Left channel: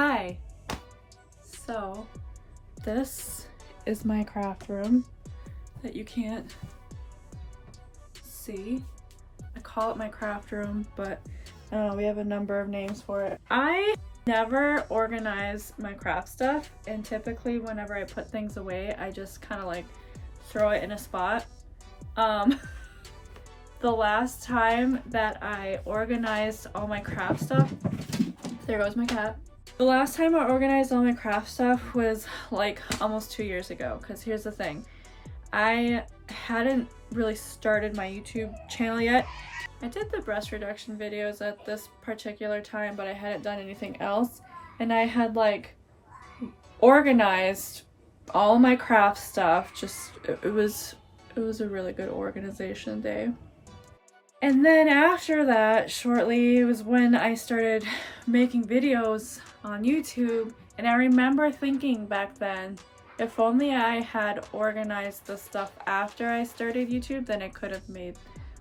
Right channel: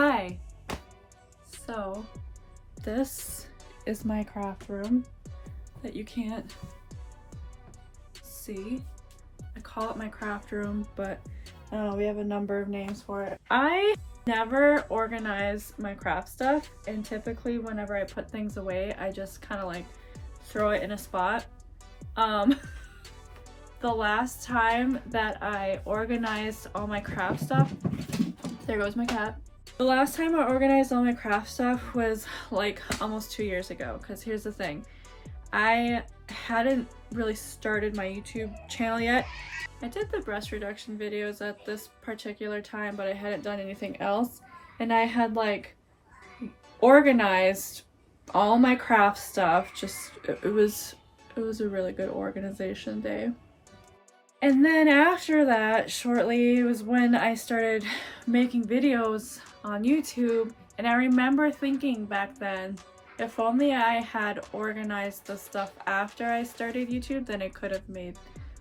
Hi! So, this is my craft room that you can't see. I call it my craft room, but we have a number of names for it. I never organize my craft stuff, and typically whenever I put things away, I just kind of like throw it in a spot. The last time that I organized all my craft stuff, there goes my cat. The last time I organized all my craft stuff was like almost 2 years ago, because here's the thing. I hadn't really started my YouTube channel yet. I did the breast reduction videos at this particular time, but I hadn't done anything else. And I had like organized all my craft stuff. It was a really good organization day. And then after that, shortly, was when I started making videos on YouTube. And I remember thinking back then, if only I had organized the stuff after I started YouTube, then I could have made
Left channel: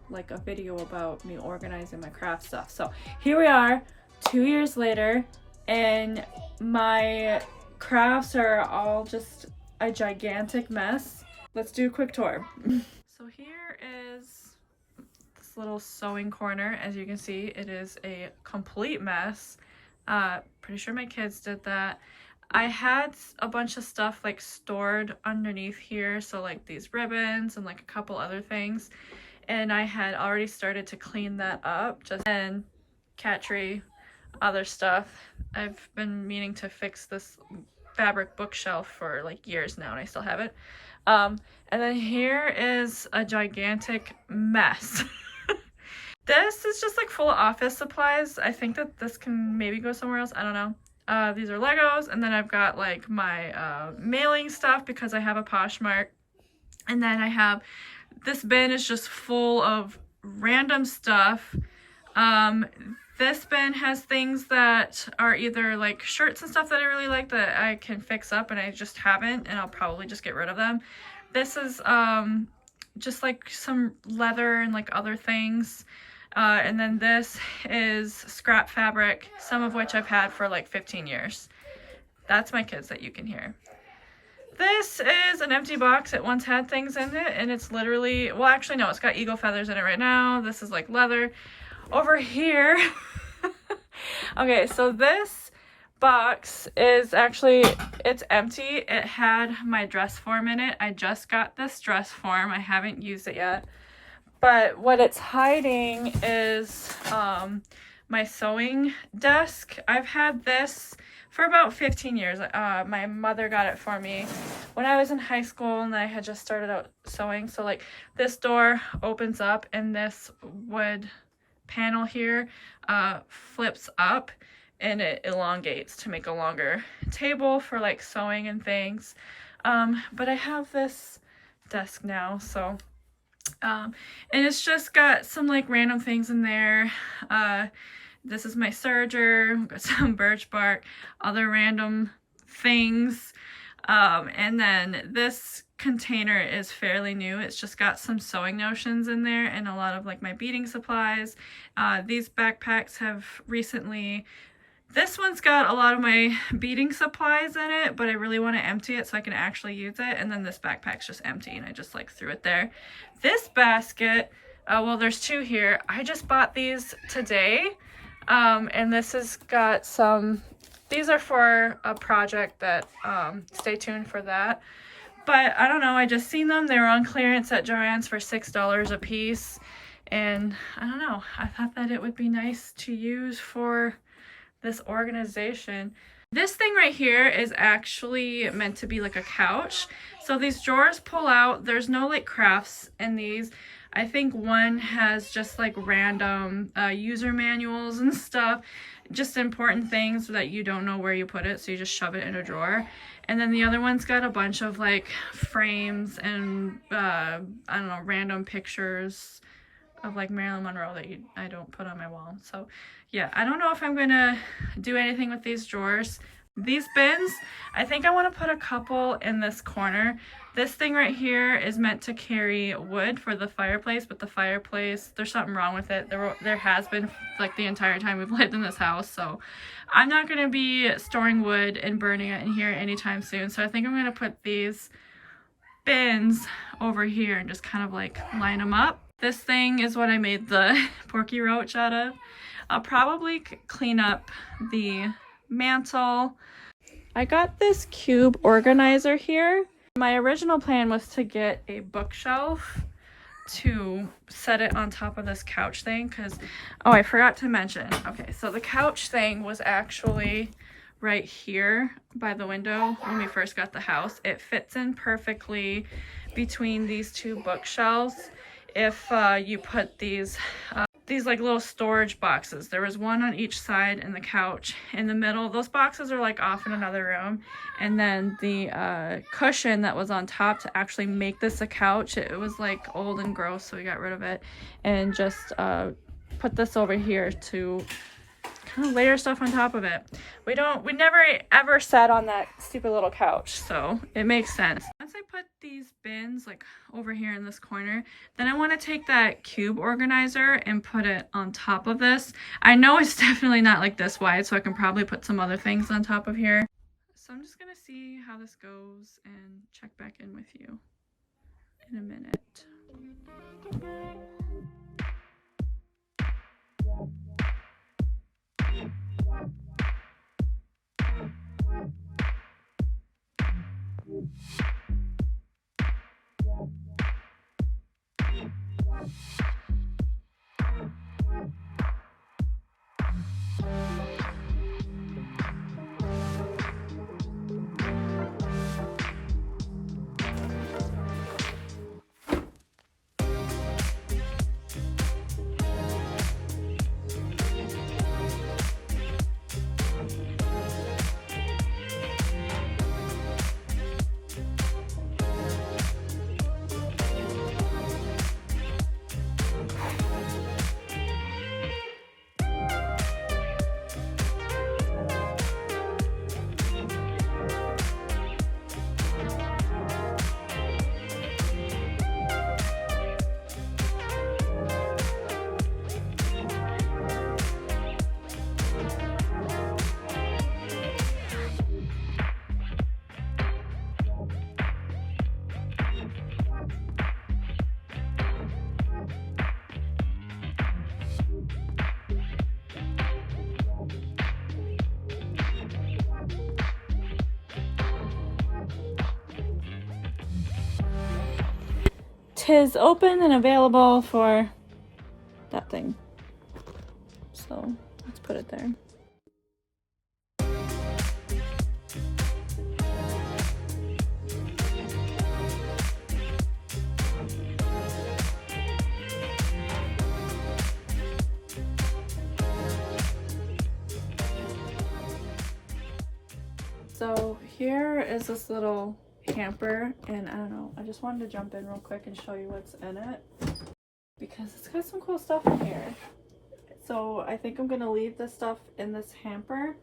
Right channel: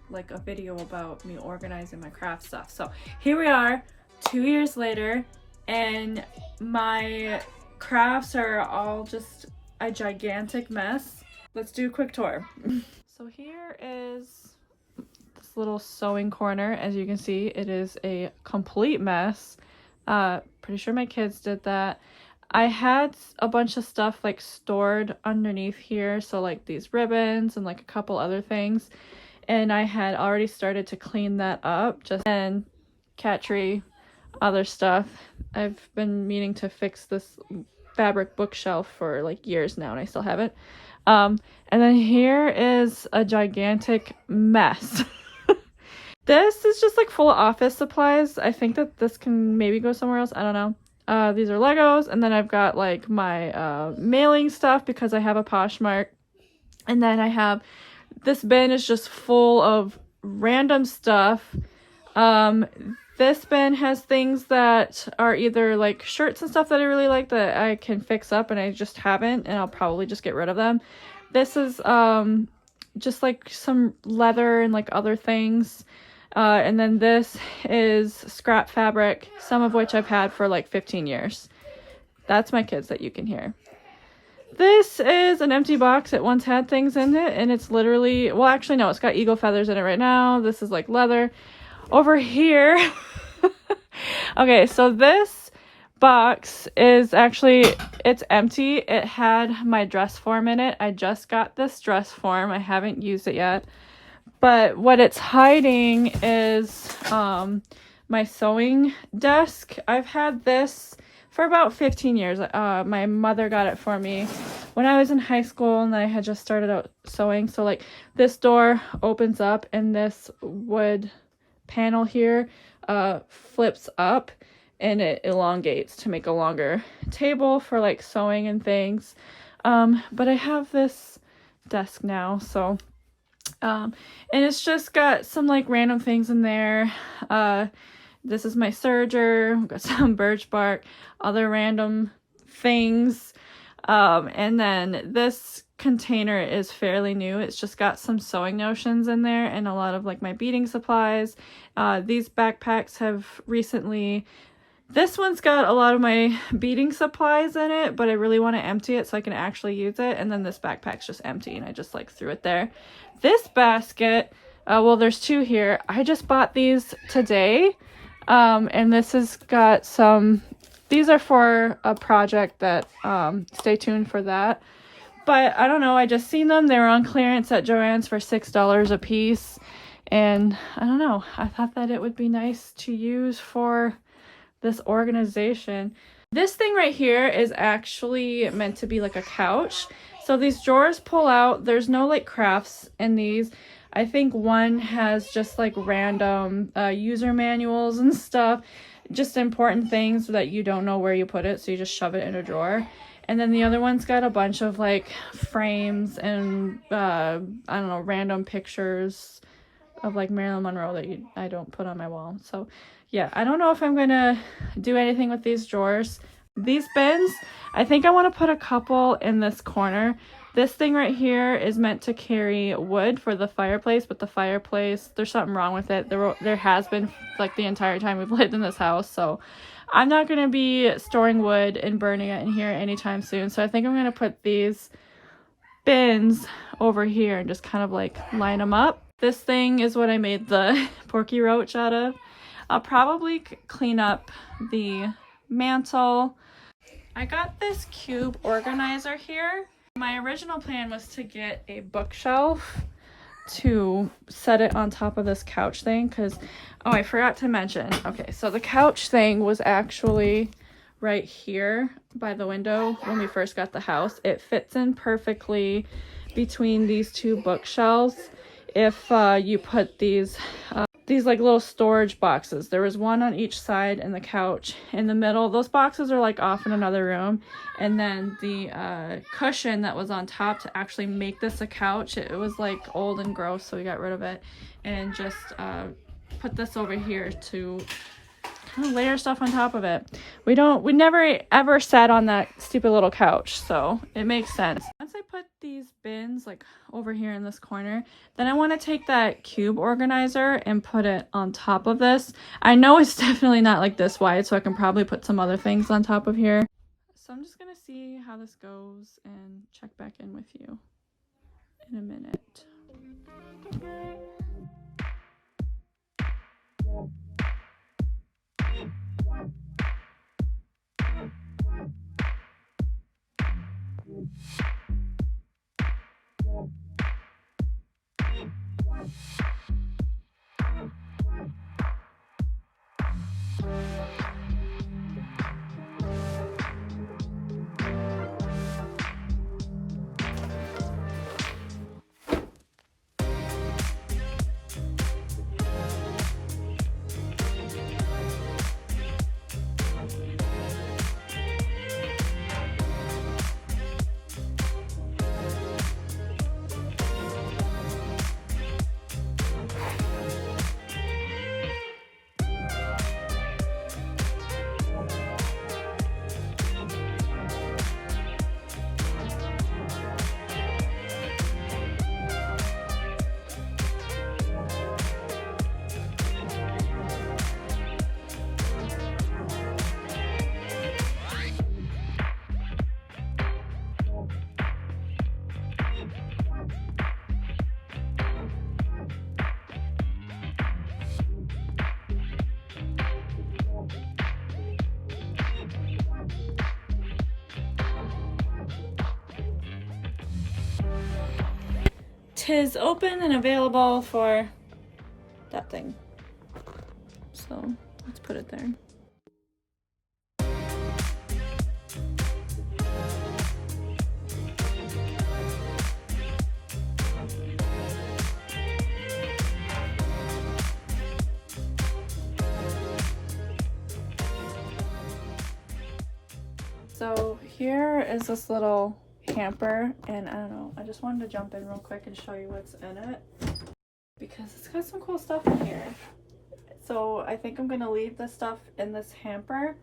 like a video about me organizing my craft stuff. So here we are, 2 years later, and my crafts are all just a gigantic mess. Let's do a quick tour. So here is this little sewing corner. As you can see, it is a complete mess. Pretty sure my kids did that. I had a bunch of stuff like stored underneath here, so like these ribbons and like a couple other things, and I had already started to clean that up. Just then, cat tree, other stuff. I've been meaning to fix this fabric bookshelf for like years now, and I still haven't. And then here is a gigantic mess. This is just like full of office supplies. I think that this can maybe go somewhere else. I don't know. These are Legos, and then I've got like my mailing stuff because I have a Poshmark. And then I have this bin is just full of random stuff. This bin has things that are either like shirts and stuff that I really like that I can fix up and I just haven't, and I'll probably just get rid of them. This is just like some leather and like other things. And then this is scrap fabric, some of which I've had for like 15 years. That's my kids that you can hear. This is an empty box. It once had things in it, and it's literally, well, actually no, it's got eagle feathers in it right now. This is like leather. Over here, okay, so this box is actually, it's empty. It had my dress form in it. I just got this dress form. I haven't used it yet. But what it's hiding is my sewing desk. I've had this for about 15 years. My mother got it for me when I was in high school, and I had just started out sewing. So like this door opens up, and this wood panel here flips up, and it elongates to make a longer table for like sewing and things. But I have this desk now, so and it's just got some like random things in there. This is my serger. I've got some birch bark, other random things. And then this container is fairly new. It's just got some sewing notions in there and a lot of like my beading supplies. These backpacks have recently, this one's got a lot of my beading supplies in it, but I really want to empty it so I can actually use it. And then this backpack's just empty, and I just like threw it there. This basket, well, there's two here. I just bought these today. And this has got some, these are for a project that, stay tuned for that. But I don't know, I just seen them. They were on clearance at Joann's for $6 a piece. And I don't know, I thought that it would be nice to use for this organization. This thing right here is actually meant to be like a couch. So these drawers pull out. There's no like crafts in these. I think one has just like random user manuals and stuff, just important things so that you don't know where you put it, so you just shove it in a drawer. And then the other one's got a bunch of like frames and I don't know, random pictures of like Marilyn Monroe that I don't put on my wall. So yeah, I don't know if I'm gonna do anything with these drawers. These bins, I think I want to put a couple in this corner. This thing right here is meant to carry wood for the fireplace, but the fireplace, there's something wrong with it. There has been like the entire time we've lived in this house, so I'm not going to be storing wood and burning it in here anytime soon. So I think I'm going to put these bins over here and just kind of like line them up. This thing is what I made the porky roach out of. I'll probably clean up the mantle. I got this cube organizer here. My original plan was to get a bookshelf to set it on top of this couch thing because, oh, I forgot to mention. Okay, so the couch thing was actually right here by the window when we first got the house. It fits in perfectly between these two bookshelves if you put these like little storage boxes. There was one on each side and the couch in the middle. Those boxes are like off in another room. And then the cushion that was on top to actually make this a couch, it was like old and gross, so we got rid of it and just put this over here to kind of layer stuff on top of it. We never ever sat on that stupid little couch, so it makes sense. Once I put these bins like over here in this corner, then I want to take that cube organizer and put it on top of this. I know it's definitely not like this wide, so I can probably put some other things on top of here. So I'm just gonna see how this goes and check back in with you in a minute. Tis open and available for that thing. So let's put it there. So here is this little hamper, and I don't know, I just wanted to jump in real quick and show you what's in it because it's got some cool stuff in here. So I think I'm gonna leave this stuff in this hamper,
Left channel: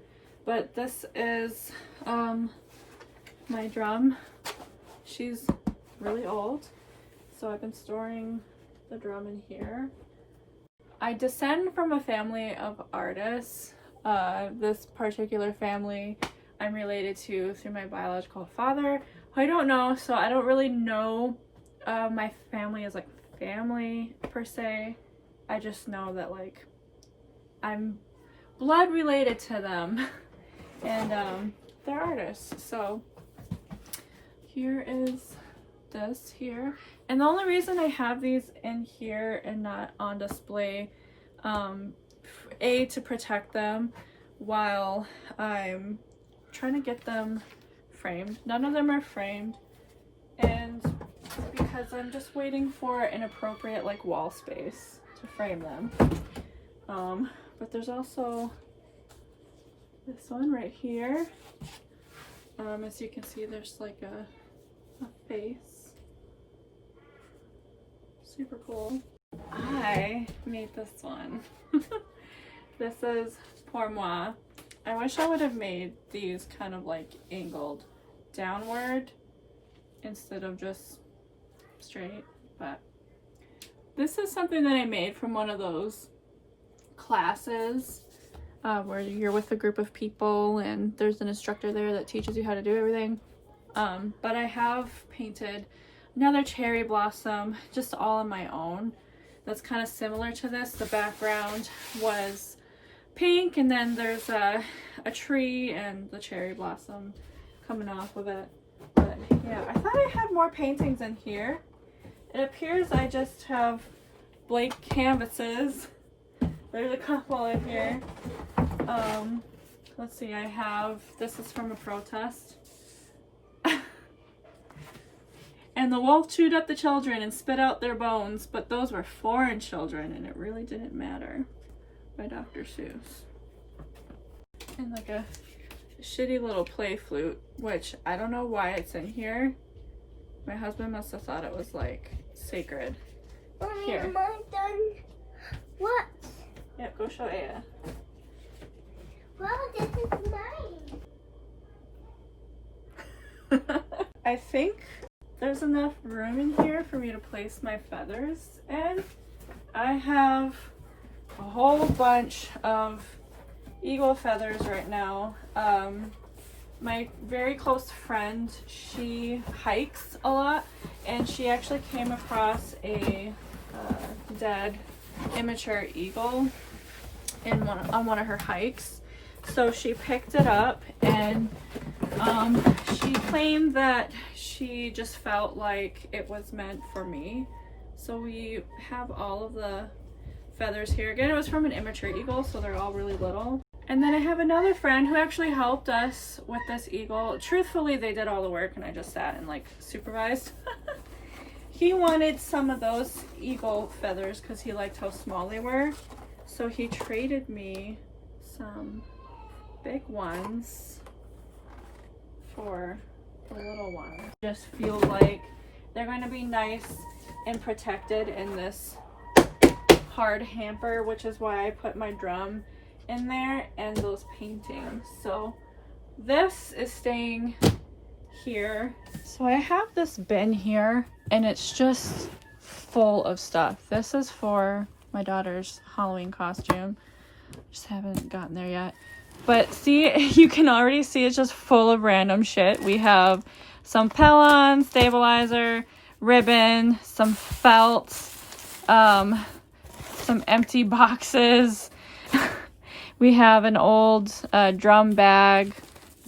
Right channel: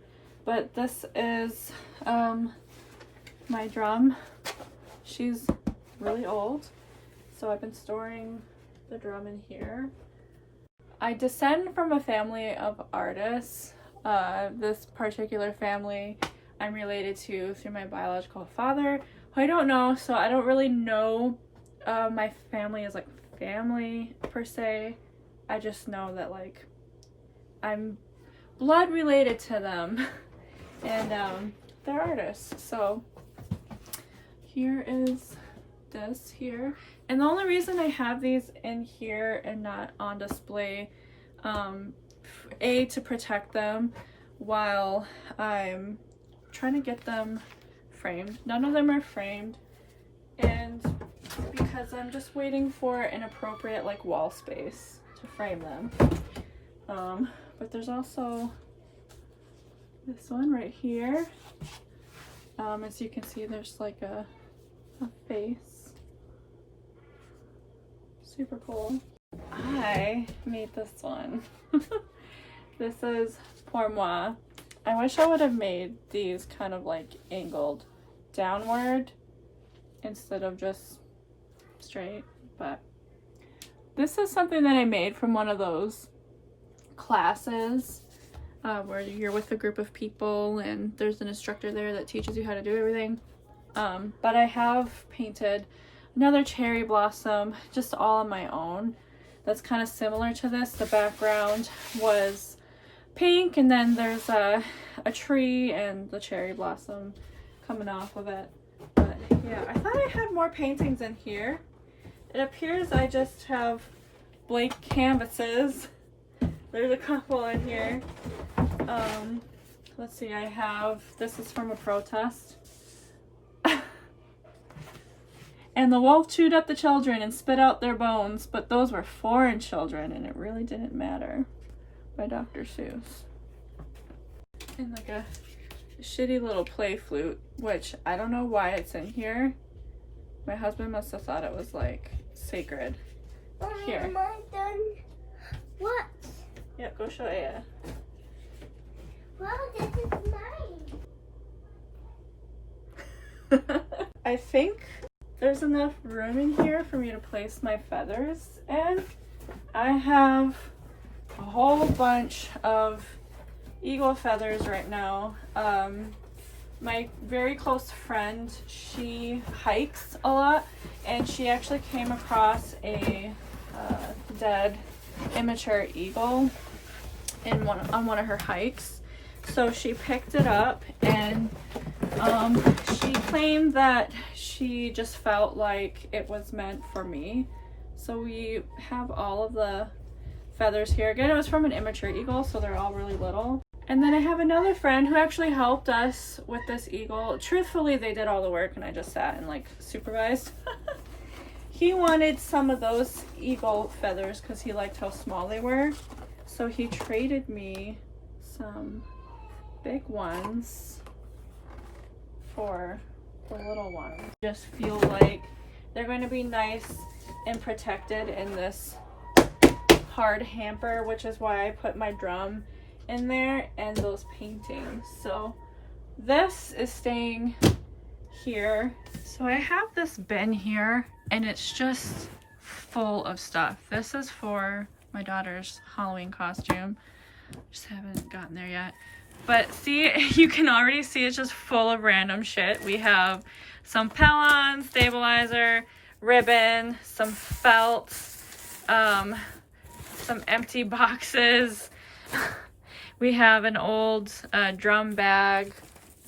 but this is my drum. She's really old, so I've been storing the drum in here. I descend from a family of artists. This particular family I'm related to through my biological father, who I don't know, so I don't really know my family as like family per se. I just know that like I'm blood related to them and they're artists. So here is this here, and the only reason I have these in here and not on display, A, to protect them while I'm trying to get them framed. None of them are framed, and because I'm just waiting for an appropriate like wall space to frame them. But there's also this one right here. As you can see, there's like a face. Super cool. I made this one. This is Pour Moi. I wish I would have made these kind of like angled downward instead of just straight, but this is something that I made from one of those classes where you're with a group of people and there's an instructor there that teaches you how to do everything. But I have painted another cherry blossom just all on my own. That's kind of similar to this. The background was pink, and then there's a tree and the cherry blossom coming off of it. But yeah, I thought I had more paintings in here. It appears I just have blank canvases. There's a couple in here. Let's see, I have, this is from a protest. And the wolf chewed up the children and spit out their bones, but those were foreign children and it really didn't matter, by Dr. Seuss. And like a shitty little play flute, which I don't know why it's in here. My husband must have thought it was like sacred. Here. What? Yeah, go show Aya. Wow, this is nice. I think there's enough room in here for me to place my feathers in. I have a whole bunch of eagle feathers right now. My very close friend, she hikes a lot, and she actually came across a dead immature eagle on one of her hikes. So she picked it up, and she claimed that she just felt like it was meant for me. So we have all of the feathers here. Again, it was from an immature eagle, so they're all really little. And then I have another friend who actually helped us with this eagle. Truthfully, they did all the work and I just sat and like supervised. He wanted some of those eagle feathers because he liked how small they were. So he traded me some big ones for the little ones. Just feel like they're going to be nice and protected in this hard hamper, which is why I put my drum in there and those paintings. So this is staying here. So I have this bin here and it's just full of stuff. This is for my daughter's Halloween costume. Just haven't gotten there yet. But see, you can already see it's just full of random shit. We have some Pellon, stabilizer, ribbon, some felt, some empty boxes. We have an old drum bag,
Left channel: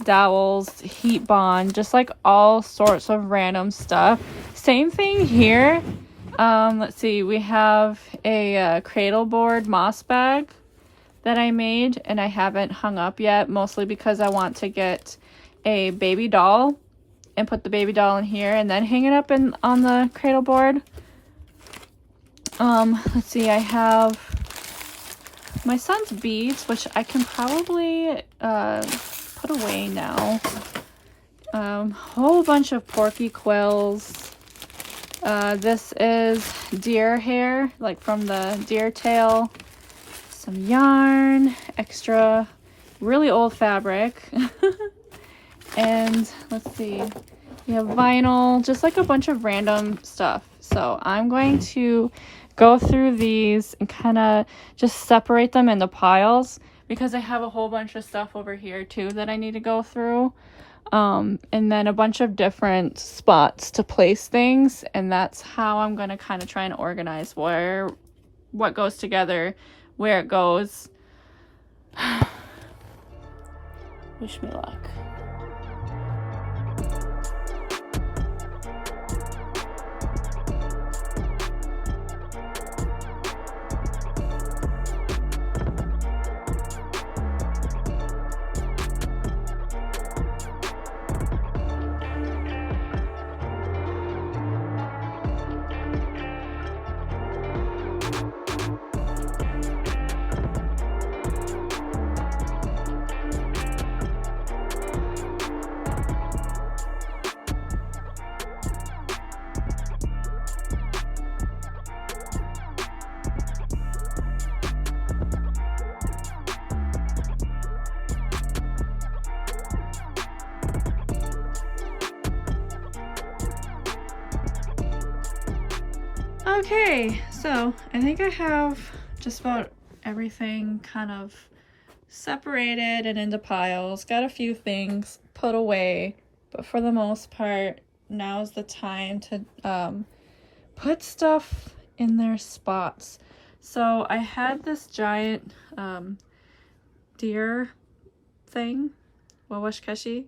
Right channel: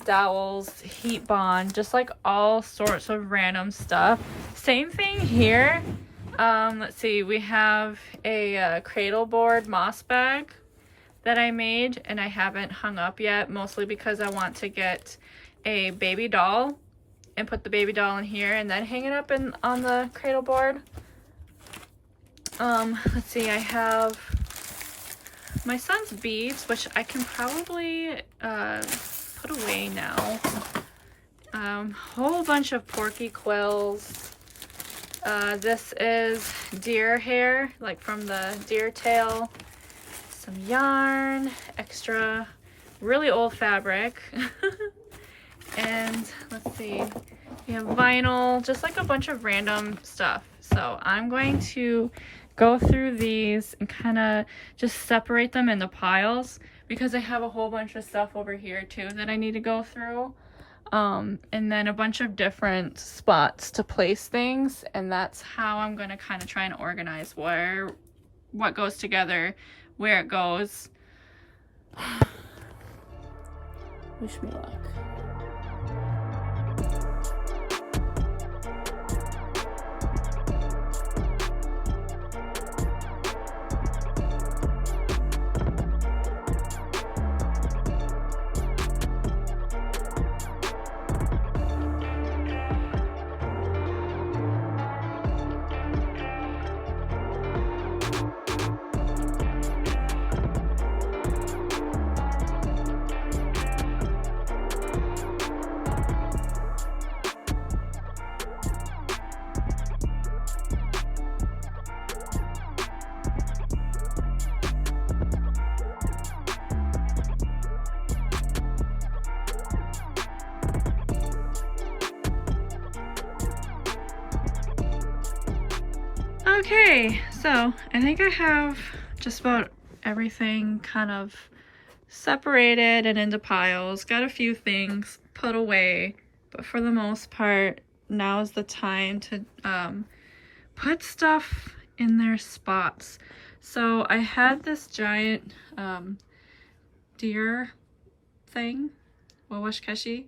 dowels, heat bond, just like all sorts of random stuff. Same thing here. Let's see, we have a cradle board moss bag that I made and I haven't hung up yet, mostly because I want to get a baby doll and put the baby doll in here and then hang it up on the cradle board. Let's see, I have my son's beads, which I can probably put away now. Whole bunch of porky quills. This is deer hair, like from the deer tail. Some yarn, extra, really old fabric. And let's see, we have vinyl, just like a bunch of random stuff. So I'm going to go through these and kind of just separate them into piles because I have a whole bunch of stuff over here too that I need to go through. And then a bunch of different spots to place things, and that's how I'm going to kind of try and organize what goes together, where it goes. Wish me luck. Okay, so I think I have just about everything kind of separated and into piles, got a few things put away, but for the most part, now is the time to put stuff in their spots. So I had this giant deer thing, wawashkeshi.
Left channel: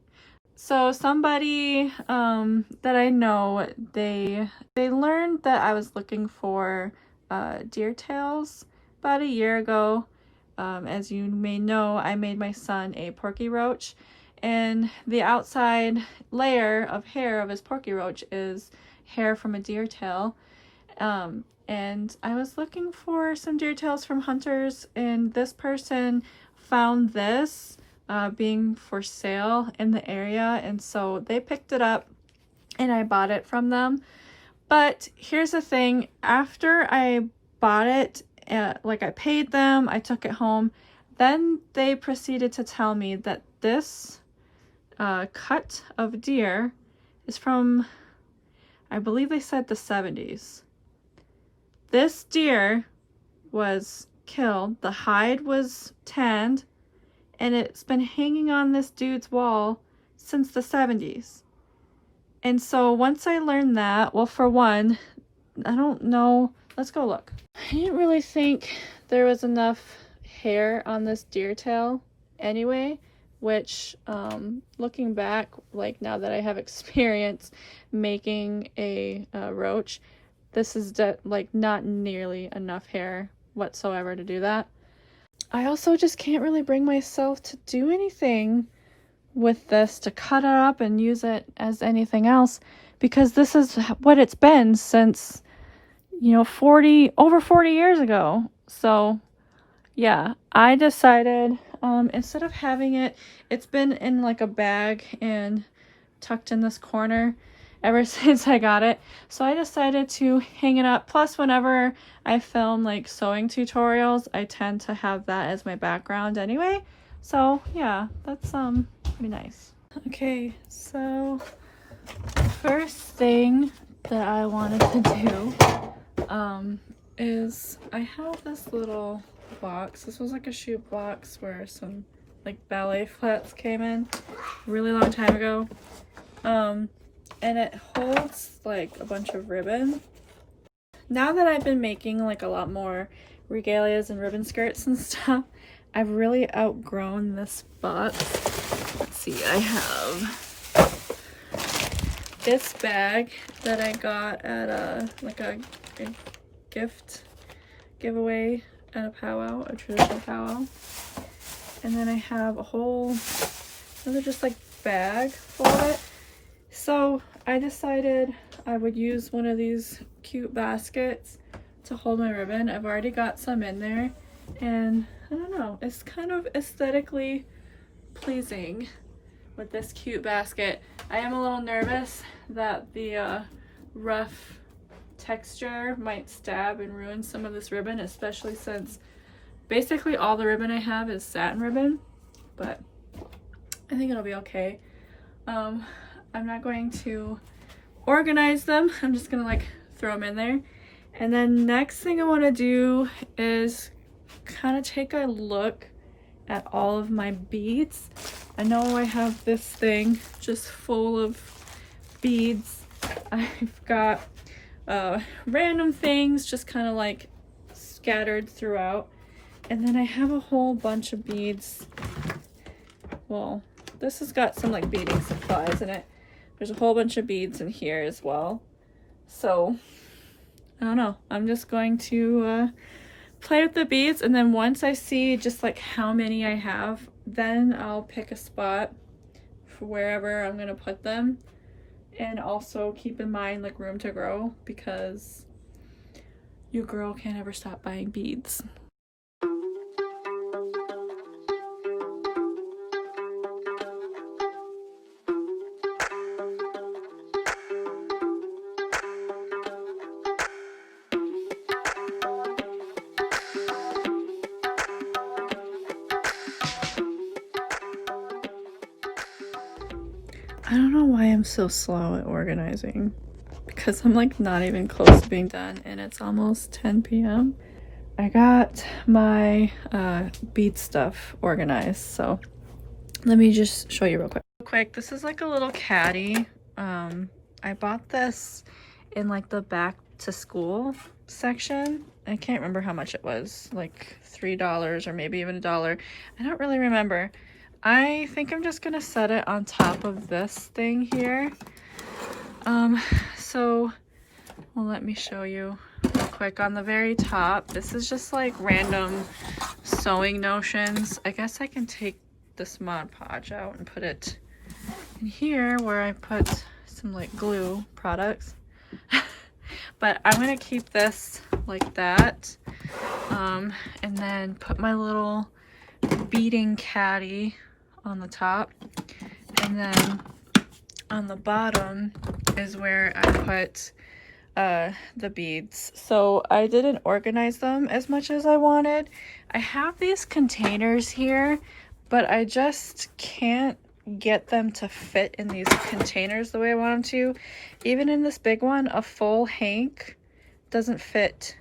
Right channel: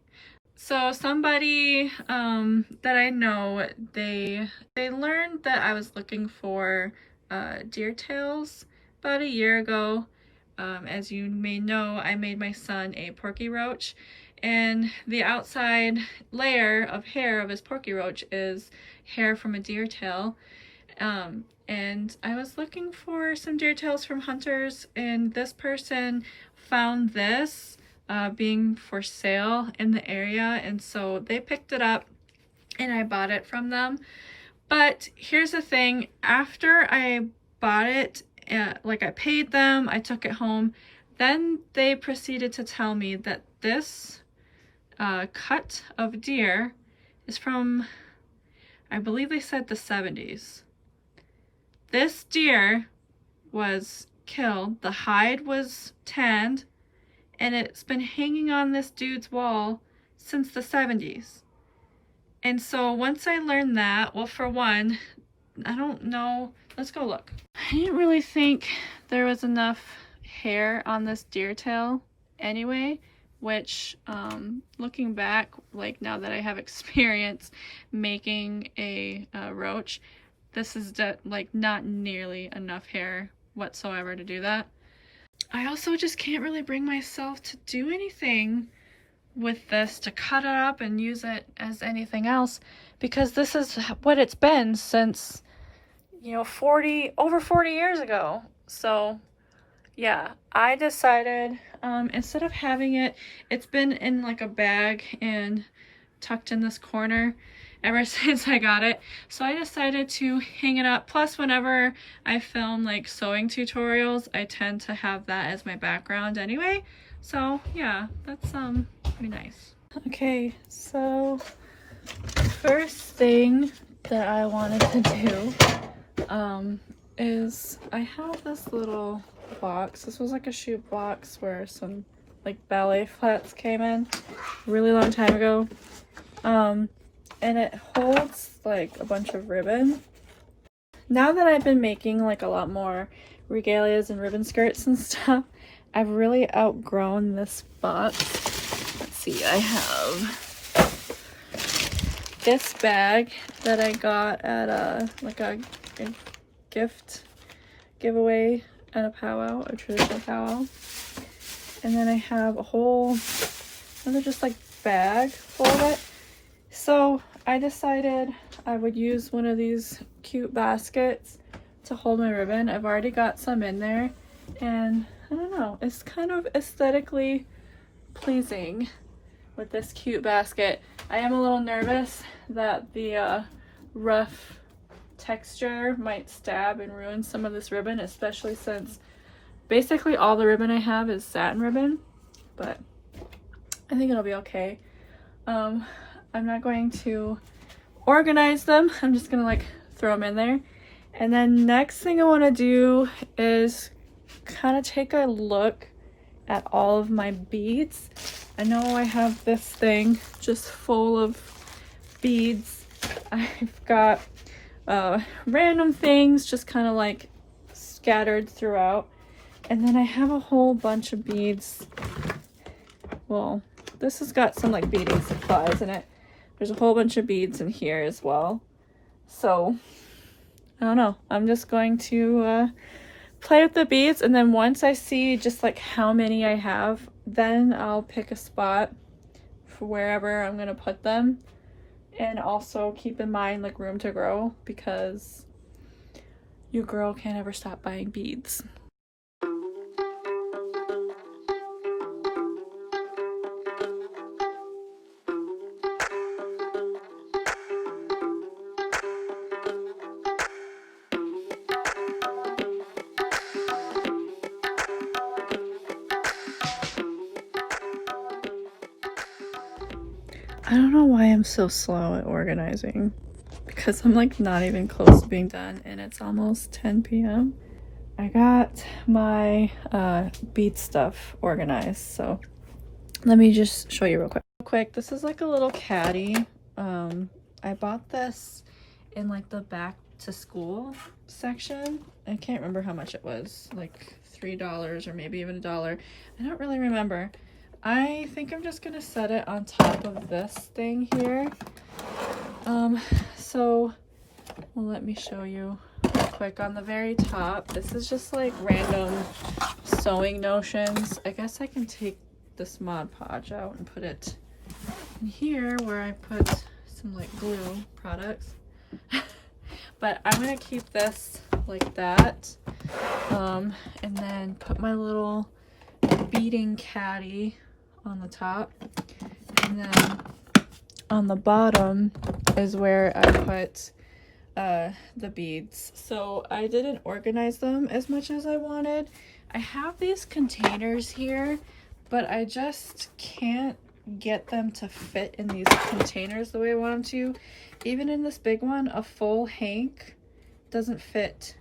So somebody that I know, they learned that I was looking for deer tails about a year ago. As you may know, I made my son a porky roach, and the outside layer of hair of his porky roach is hair from a deer tail. And I was looking for some deer tails from hunters, and this person found this being for sale in the area, and so they picked it up and I bought it from them. But here's the thing, after I bought it, like I paid them, I took it home, then they proceeded to tell me that this cut of deer is from, I believe they said the 70s. This deer was killed, the hide was tanned, and it's been hanging on this dude's wall since the 70s. And so once I learned that, well, for one, I don't know, let's go look. I didn't really think there was enough hair on this deer tail anyway, which looking back, like now that I have experience making a roach, this is like not nearly enough hair whatsoever to do that. I also just can't really bring myself to do anything with this, to cut it up and use it as anything else, because this is what it's been since, you know, over 40 years ago. So yeah, I decided instead of having it, it's been in like a bag and tucked in this corner ever since I got it. So I decided to hang it up. Plus, whenever I film like sewing tutorials, I tend to have that as my background anyway. So yeah, that's pretty nice. Okay, so the first thing that I wanted to do is I have this little box. This was like a shoe box where some like ballet flats came in a really long time ago. And it holds like a bunch of ribbon. Now that I've been making like a lot more regalias and ribbon skirts and stuff, I've really outgrown this box. Let's see, I have this bag that I got at a gift giveaway at a powwow, a traditional powwow. And then I have a whole another just like bag full of it. So I decided I would use one of these cute baskets to hold my ribbon. I've already got some in there, and I don't know, it's kind of aesthetically pleasing with this cute basket. I am a little nervous that the rough texture might stab and ruin some of this ribbon, especially since basically all the ribbon I have is satin ribbon, but I think it'll be okay. I'm not going to organize them. I'm just gonna like throw them in there. And then next thing I want to do is kind of take a look at all of my beads. I know I have this thing just full of beads. I've got random things just kind of like scattered throughout. And then I have a whole bunch of beads. Well, this has got some like beading supplies in it. There's a whole bunch of beads in here as well. So, I don't know. I'm just going to play with the beads, and then once I see just like how many I have, then I'll pick a spot for wherever I'm gonna put them. And also keep in mind like room to grow, because your girl can't ever stop buying beads. I don't know why I'm so slow at organizing, because I'm like not even close to being done and it's almost 10 p.m. I got my bead stuff organized, so let me just show you real quick. This is like a little caddy. I bought this in like the back to school section. I can't remember how much it was, like $3 or maybe even $1. I don't really remember. I think I'm just gonna set it on top of this thing here. So well, let me show you real quick. On the very top, this is just like random sewing notions. I guess I can take this Mod Podge out and put it in here where I put some like glue products. But I'm gonna keep this like that, and then put my little beading caddy on the top, and then on the bottom is where I put the beads. So I didn't organize them as much as I wanted. I have these containers here, but I just can't get them to fit in these containers the way I want them to. Even in this big one, a full hank doesn't fit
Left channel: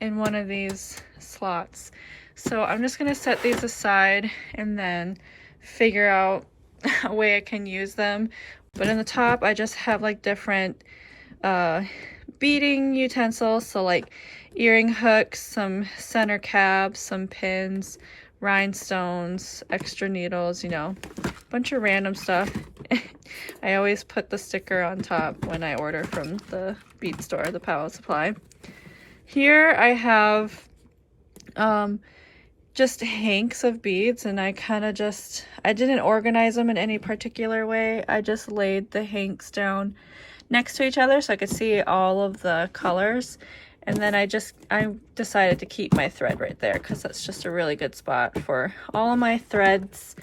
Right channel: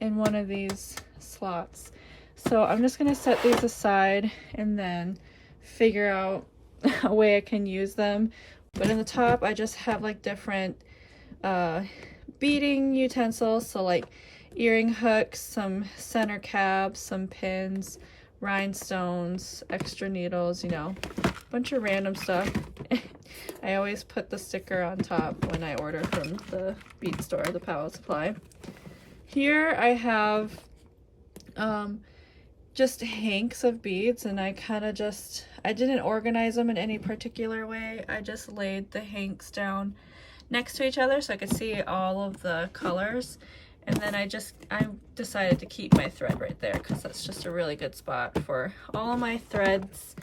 in one of these slots. So I'm just gonna set these aside and then figure out a way I can use them. But in the top, I just have like different beading utensils, so like earring hooks, some center cabs, some pins, rhinestones, extra needles, you know, a bunch of random stuff. I always put the sticker on top when I order from the bead store, the Power Supply. Here I have just hanks of beads, and I didn't organize them in any particular way. I just laid the hanks down next to each other so I could see all of the colors. And then I decided to keep my thread right there because that's just a really good spot for all of my threads.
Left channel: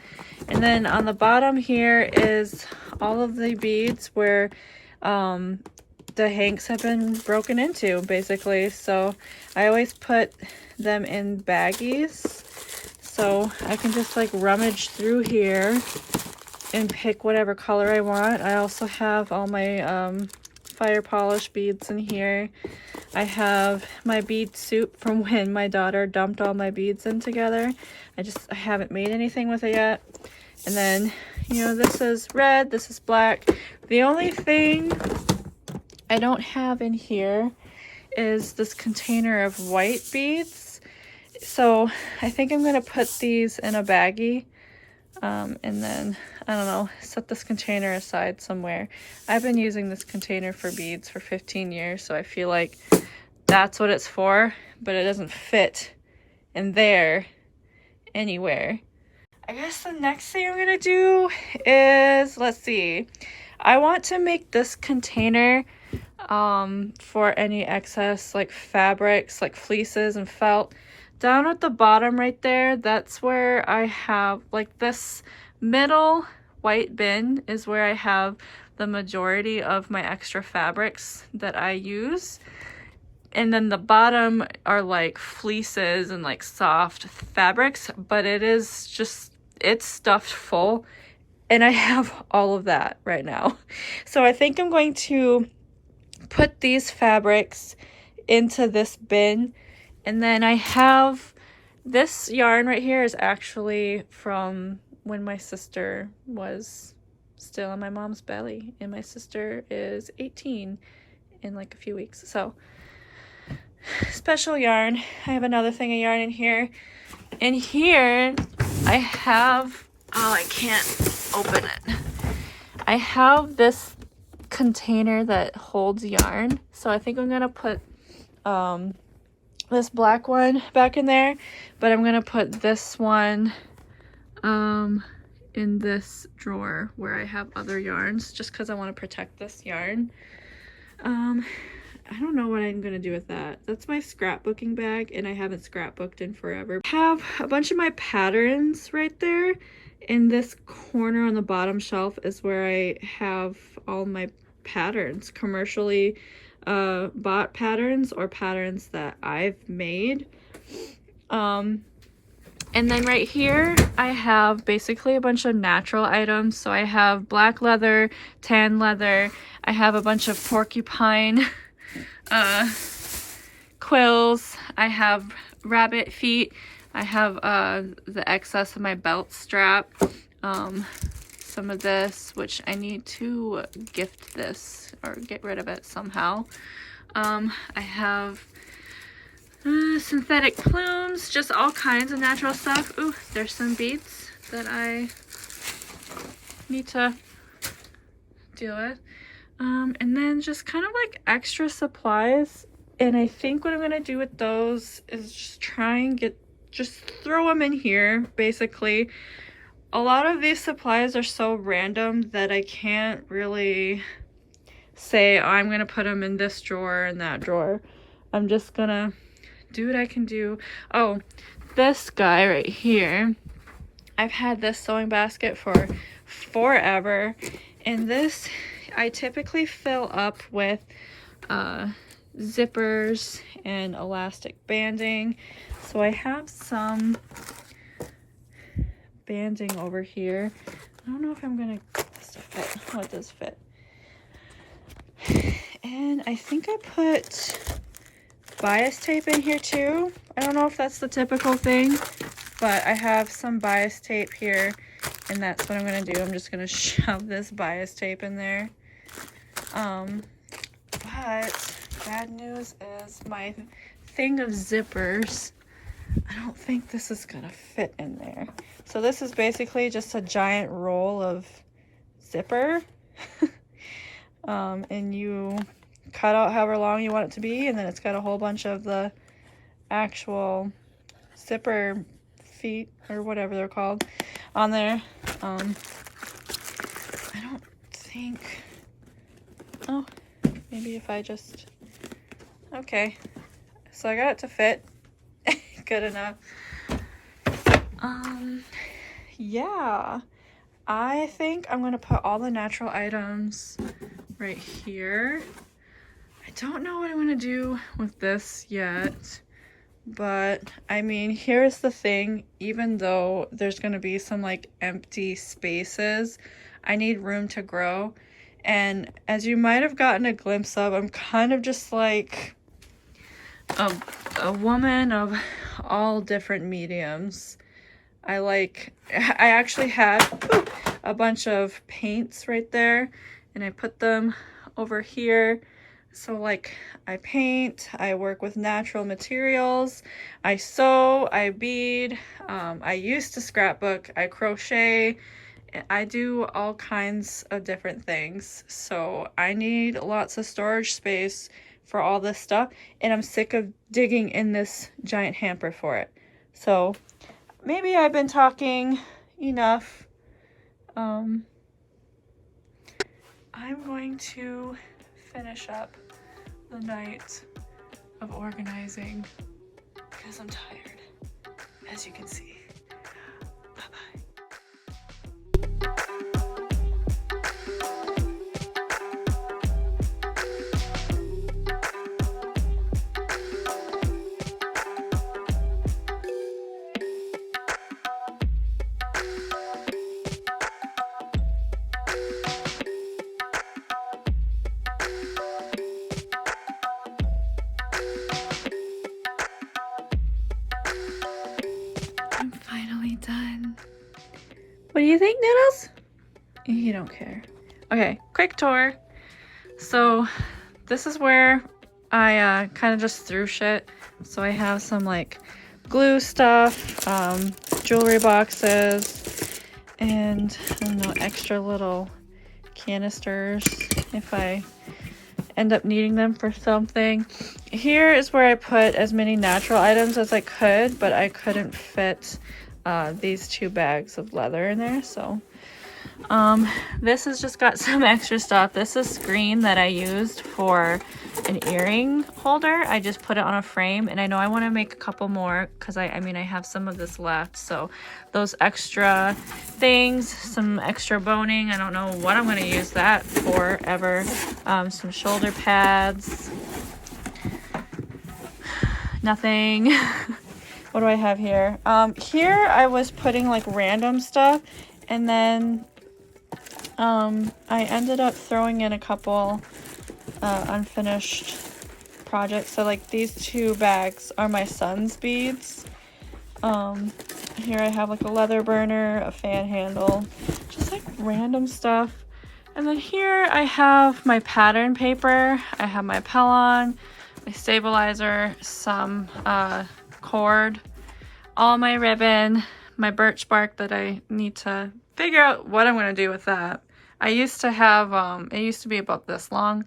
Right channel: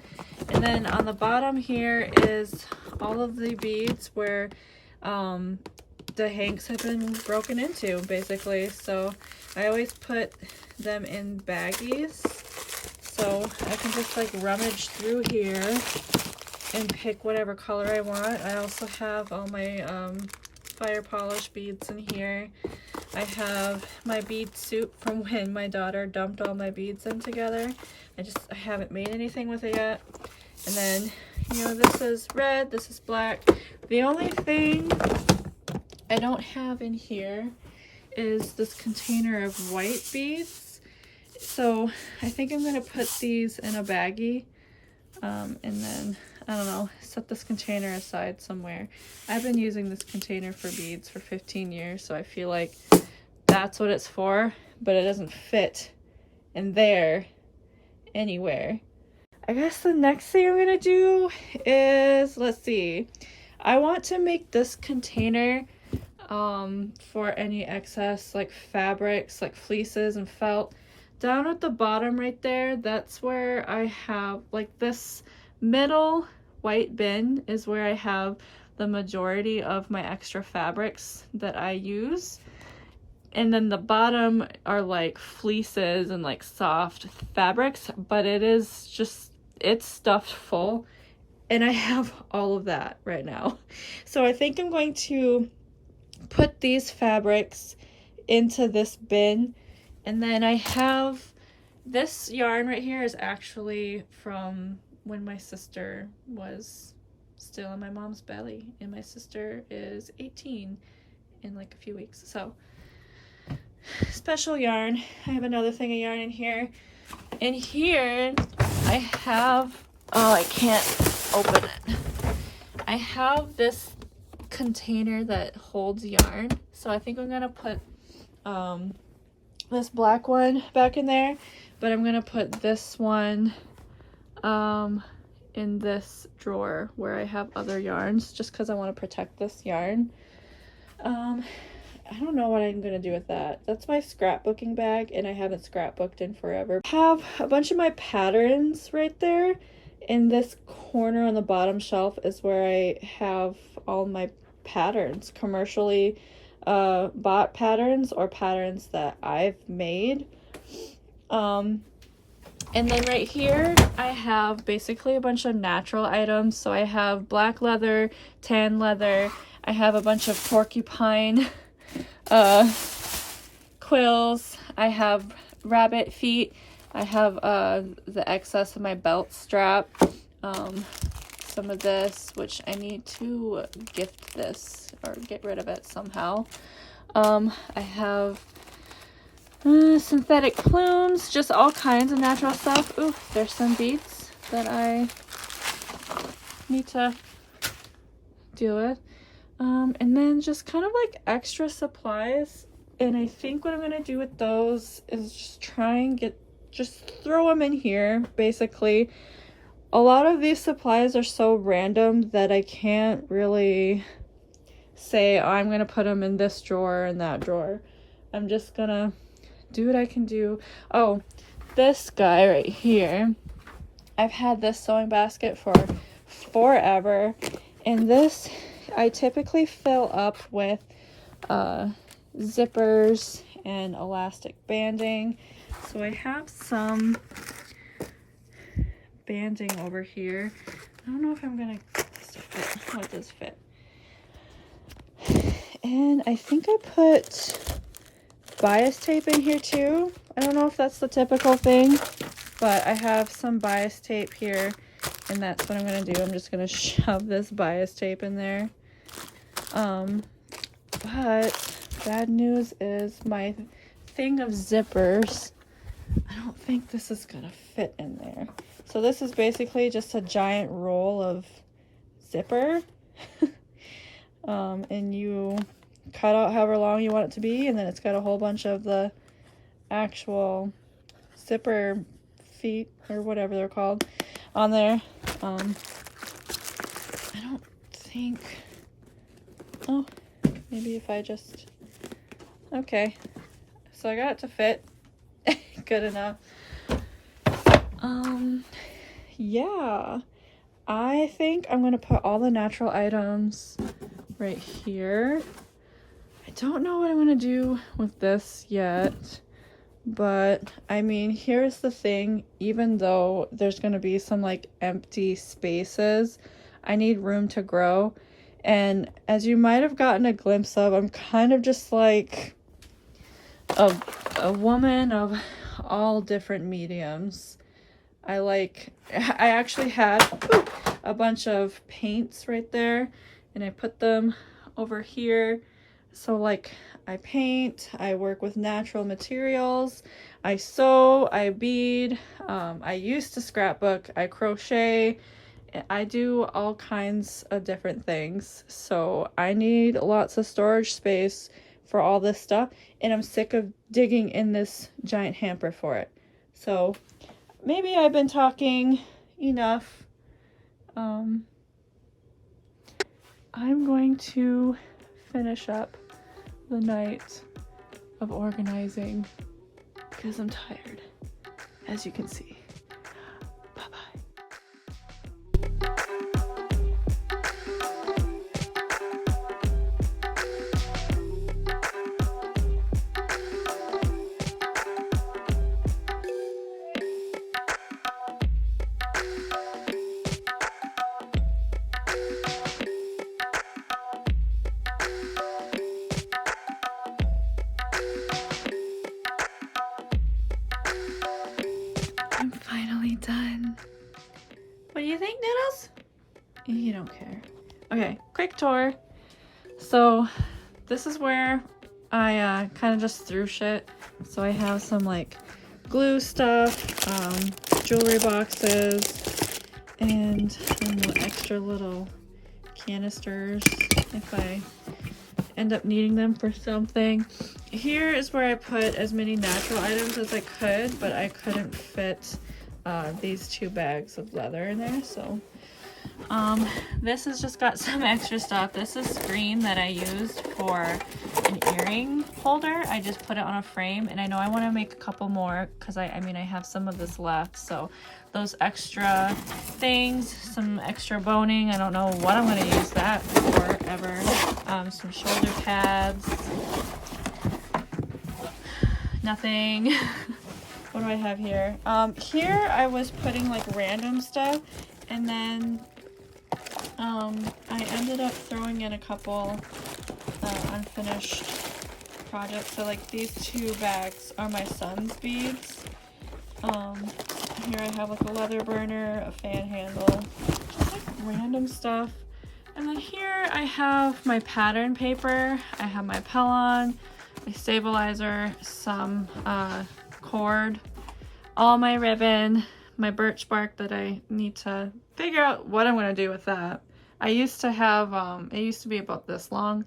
And then on the bottom here is all of the beads where the hanks have been broken into, basically. So I always put them in baggies, so I can just like rummage through here and pick whatever color I want. I also have all my fire polish beads in here. I have my bead soup from when my daughter dumped all my beads in together. I haven't made anything with it yet. And then, you know, this is red, this is black. The only thing I don't have in here is this container of white beads. So I think I'm gonna put these in a baggie, and then, I don't know, set this container aside somewhere. I've been using this container for beads for 15 years, so I feel like that's what it's for, but it doesn't fit in there anywhere. I guess the next thing I'm gonna do is, let's see, I want to make this container for any excess like fabrics, like fleeces and felt. Down at the bottom right there, that's where I have like this middle white bin is where I have the majority of my extra fabrics that I use. And then the bottom are like fleeces and like soft fabrics, but it's stuffed full, and I have all of that right now. So I think I'm going to put these fabrics into this bin. And then I have this yarn right here is actually from when my sister was still in my mom's belly, and my sister is 18 in like a few weeks. So special yarn. I have another thing of yarn in here. In here I have, oh, I can't open it. I have this container that holds yarn. So I think I'm gonna put this black one back in there, but I'm gonna put this one in this drawer where I have other yarns, just because I want to protect this yarn. I don't know what I'm gonna do with that. That's my scrapbooking bag, and I haven't scrapbooked in forever. I have a bunch of my patterns right there. In this corner on the bottom shelf is where I have all my patterns, commercially bought patterns or patterns that I've made. And then right here I have basically a bunch of natural items. So I have black leather, tan leather, I have a bunch of porcupine quills, I have rabbit feet. I have the excess of my belt strap. Some of this, which I need to gift this or get rid of it somehow. I have synthetic plumes, just all kinds of natural stuff. Ooh, there's some beads that I need to deal with. And then just kind of like extra supplies. And I think what I'm gonna do with those is just try and just throw them in here, basically. A lot of these supplies are so random that I can't really say, oh, I'm gonna put them in this drawer and that drawer. I'm just gonna do what I can do. Oh, this guy right here, I've had this sewing basket for forever, and this I typically fill up with zippers and elastic banding. So I have some banding over here. I don't know if I'm gonna fit. What does fit? And I think I put bias tape in here too. I don't know if that's the typical thing, but I have some bias tape here, and that's what I'm gonna do. I'm just gonna shove this bias tape in there. But bad news is my thing of zippers, I don't think this is gonna fit in there. So this is basically just a giant roll of zipper. And you cut out however long you want it to be, and then it's got a whole bunch of the actual zipper feet or whatever they're called on there. I don't think, oh, maybe if I just, okay, so I got it to fit. Good enough. Yeah, I think I'm gonna put all the natural items right here. I don't know what I'm gonna do with this yet, but I mean, here's the thing. Even though there's gonna be some like empty spaces, I need room to grow. And as you might have gotten a glimpse of, I'm kind of just like a woman of all different mediums. I actually had a bunch of paints right there, and I put them over here. So like I paint, I work with natural materials, I sew, I bead, I used to scrapbook, I crochet, I do all kinds of different things. So I need lots of storage space for all this stuff, and I'm sick of digging in this giant hamper for it. So maybe I've been talking enough. I'm going to finish up the night of organizing because I'm tired, as you can see. Bye-bye. I'm finally done. What do you think, Noodles? You don't care. Okay, quick tour. So this is where I kind of just threw shit. So I have some like glue stuff, jewelry boxes, and I don't know, extra little canisters if I end up needing them for something. Here is where I put as many natural items as I could, but I couldn't fit these 2 bags of leather in there. So this has just got some extra stuff. This is screen that I used for an earring holder. I just put it on a frame, and I know I want to make a couple more because I mean I have some of this left. So those extra things, some extra boning, I don't know what I'm going to use that for ever. Some shoulder pads, nothing. What do I have here? Here I was putting like random stuff, and then I ended up throwing in a couple unfinished projects. So like these 2 bags are my son's beads. Here I have like a leather burner, a fan handle, just like random stuff. And then here I have my pattern paper, I have my Pellon, my stabilizer, some cord, all my ribbon, my birch bark that I need to figure out what I'm going to do with that. I used to have, it used to be about this long,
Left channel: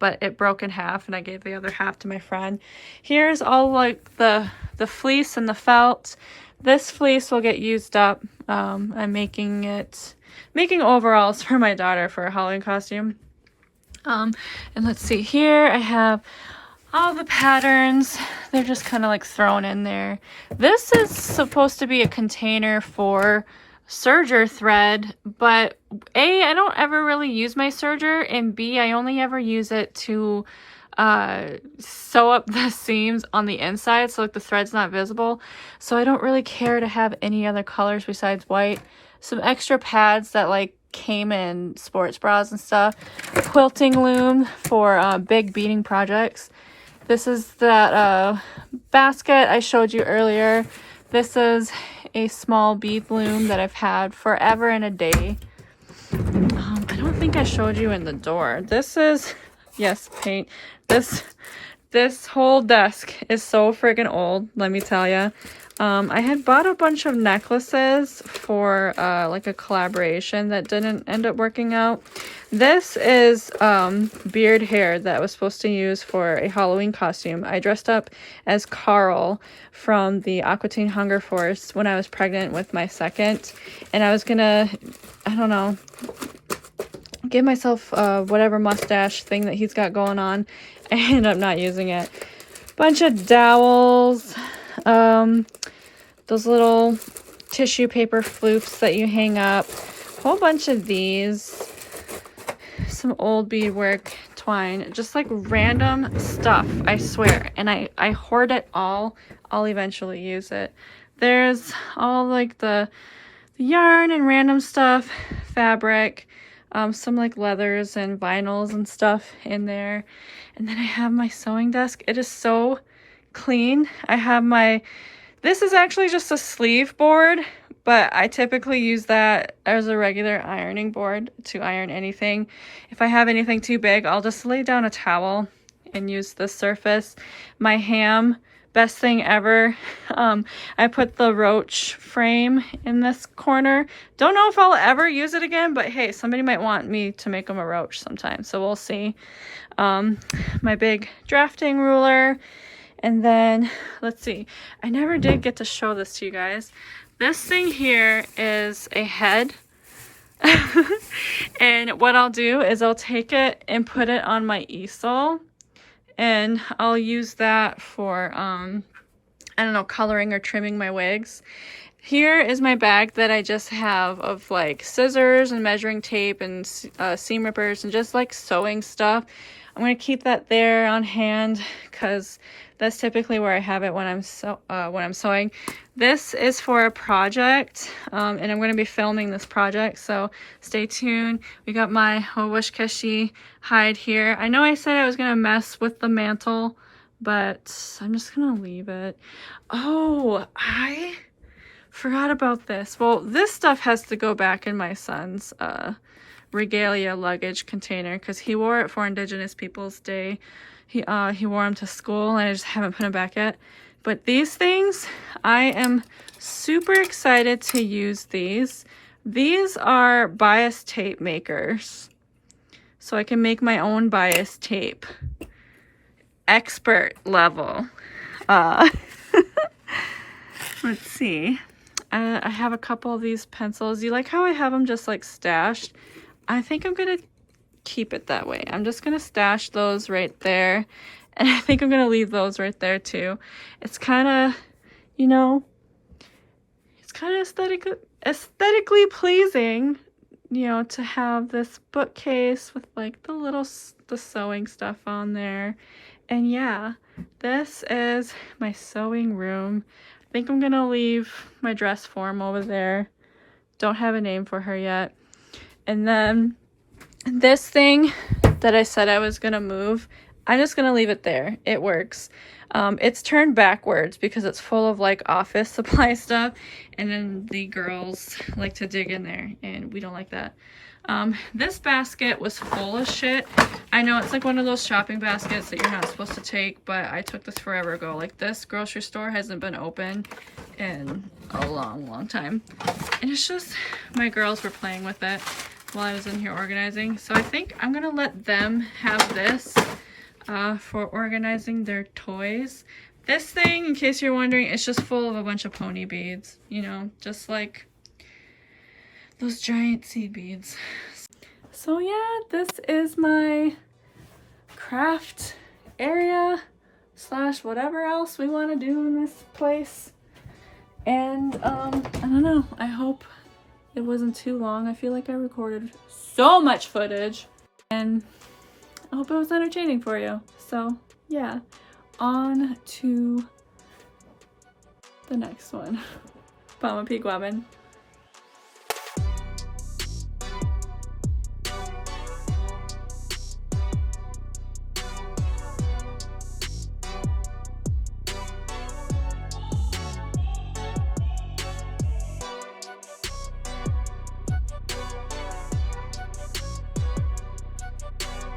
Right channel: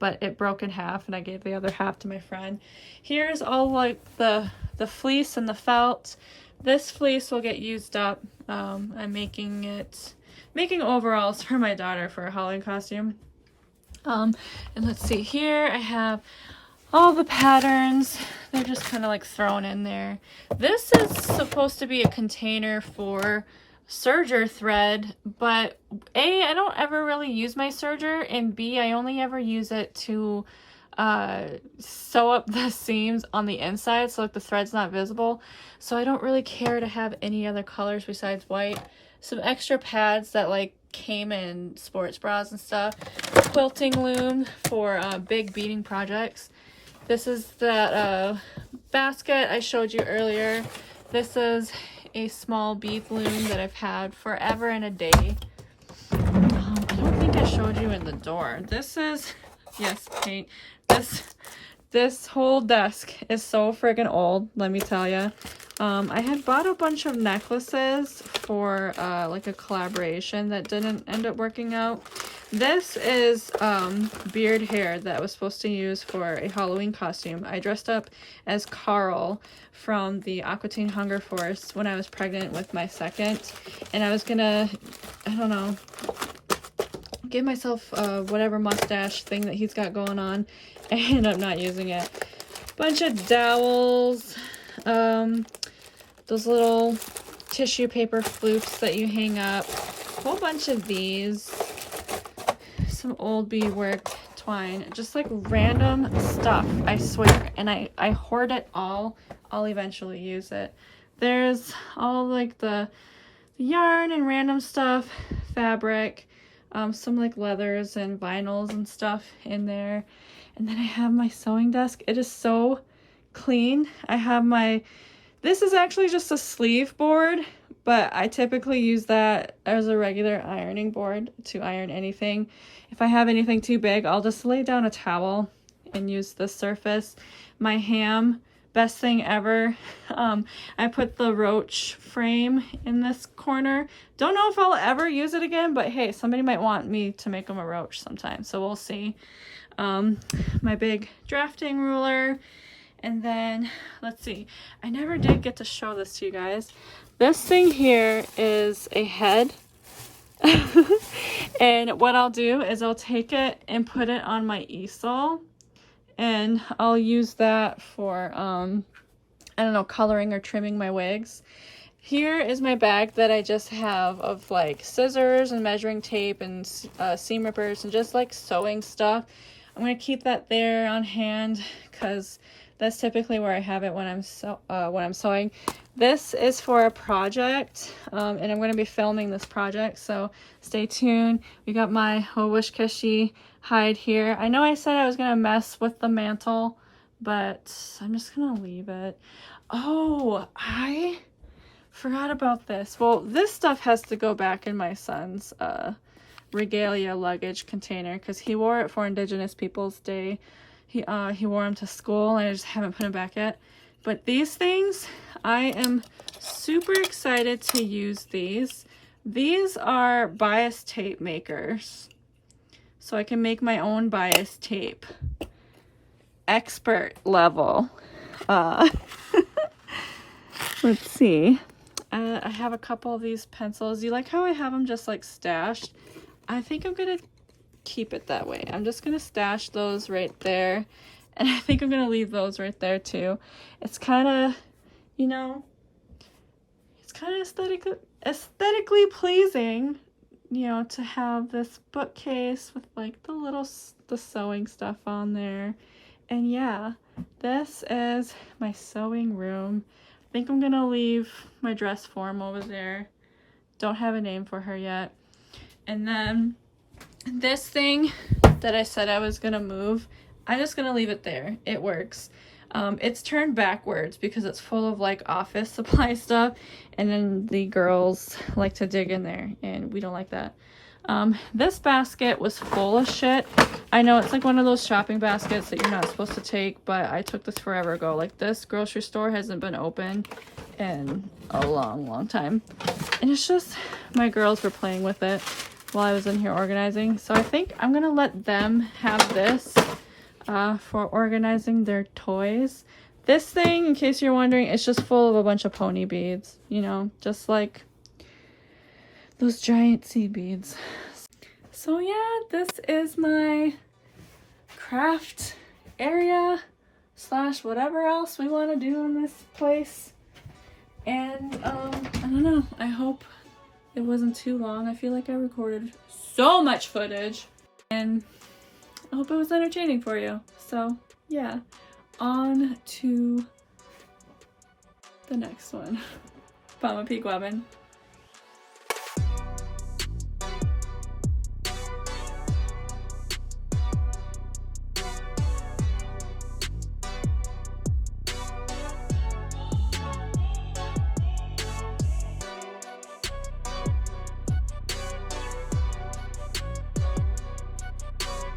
but it broke in half and I gave the other half to my friend. Here's all like the fleece and the felt. This fleece will get used up. I'm making overalls for my daughter for a Halloween costume. And let's see, here I have all the patterns. They're just kind of like thrown in there. This is supposed to be a container for serger thread, but A, I don't ever really use my serger, and B, I only ever use it to sew up the seams on the inside so like the thread's not visible. So I don't really care to have any other colors besides white. Some extra pads that like came in sports bras and stuff. Quilting loom for big beading projects. This is that basket I showed you earlier. This is a small bead loom that I've had forever and a day. I don't think I showed you in the door. This is, yes, paint. This whole desk is so friggin' old, let me tell you. I had bought a bunch of necklaces for like a collaboration that didn't end up working out. This is beard hair that I was supposed to use for a Halloween costume. I dressed up as Carl from the Aqua Teen Hunger Force when I was pregnant with my second. And I was gonna, I don't know, give myself whatever mustache thing that he's got going on. I ended up not using it. Bunch of dowels. Those little tissue paper floops that you hang up. A whole bunch of these. Some old beadwork twine. Just like random stuff, I swear. And I hoard it all. I'll eventually use it. There's all like the yarn and random stuff. Fabric. Some like leathers and vinyls and stuff in there. And then I have my sewing desk. It is so clean. I have this is actually just a sleeve board, but I typically use that as a regular ironing board to iron anything. If I have anything too big, I'll just lay down a towel and use this surface. My ham, best thing ever. I put the roach frame in this corner. Don't know if I'll ever use it again, but hey, somebody might want me to make them a roach sometime, so we'll see. My big drafting ruler. And then, let's see, I never did get to show this to you guys. This thing here is a head. And what I'll do is I'll take it and put it on my easel. And I'll use that for, I don't know, coloring or trimming my wigs. Here is my bag that I just have of like scissors and measuring tape and seam rippers and just like sewing stuff. I'm going to keep that there on hand because that's typically where I have it when I'm sewing. This is for a project, and I'm going to be filming this project, so stay tuned. We got my Wish Cushy hide here. I know I said I was going to mess with the mantle, but I'm just going to leave it. Oh, I forgot about this. Well, this stuff has to go back in my son's regalia luggage container because he wore it for Indigenous Peoples Day. He wore them to school and I just haven't put them back yet. But these things, I am super excited to use these. These are bias tape makers. So I can make my own bias tape. Expert level. Let's see. I have a couple of these pencils. You like how I have them just like stashed? I think I'm going to keep it that way. I'm just going to stash those right there. And I think I'm going to leave those right there too. It's kind of, you know, it's kind of aesthetically pleasing, you know, to have this bookcase with like the sewing stuff on there. And yeah, this is my sewing room. I think I'm going to leave my dress form over there. Don't have a name for her yet. And then this thing that I said I was going to move, I'm just gonna leave it there. It works. It's turned backwards because it's full of like office supply stuff, and then the girls like to dig in there, and we don't like that. This basket was full of shit. I know it's like one of those shopping baskets that you're not supposed to take, but I took this forever ago. Like, this grocery store hasn't been open in a long time. And it's just, my girls were playing with it while I was in here organizing. So I think I'm gonna let them have this for organizing their toys. This thing, in case you're wondering, it's just full of a bunch of pony beads, you know, just like those giant seed beads. So yeah, this is my craft area slash whatever else we want to do in this place. And I don't know, I hope it wasn't too long. I feel like I recorded so much footage, and I hope it was entertaining for you. So yeah, on to the next one. Mama Peak Woman.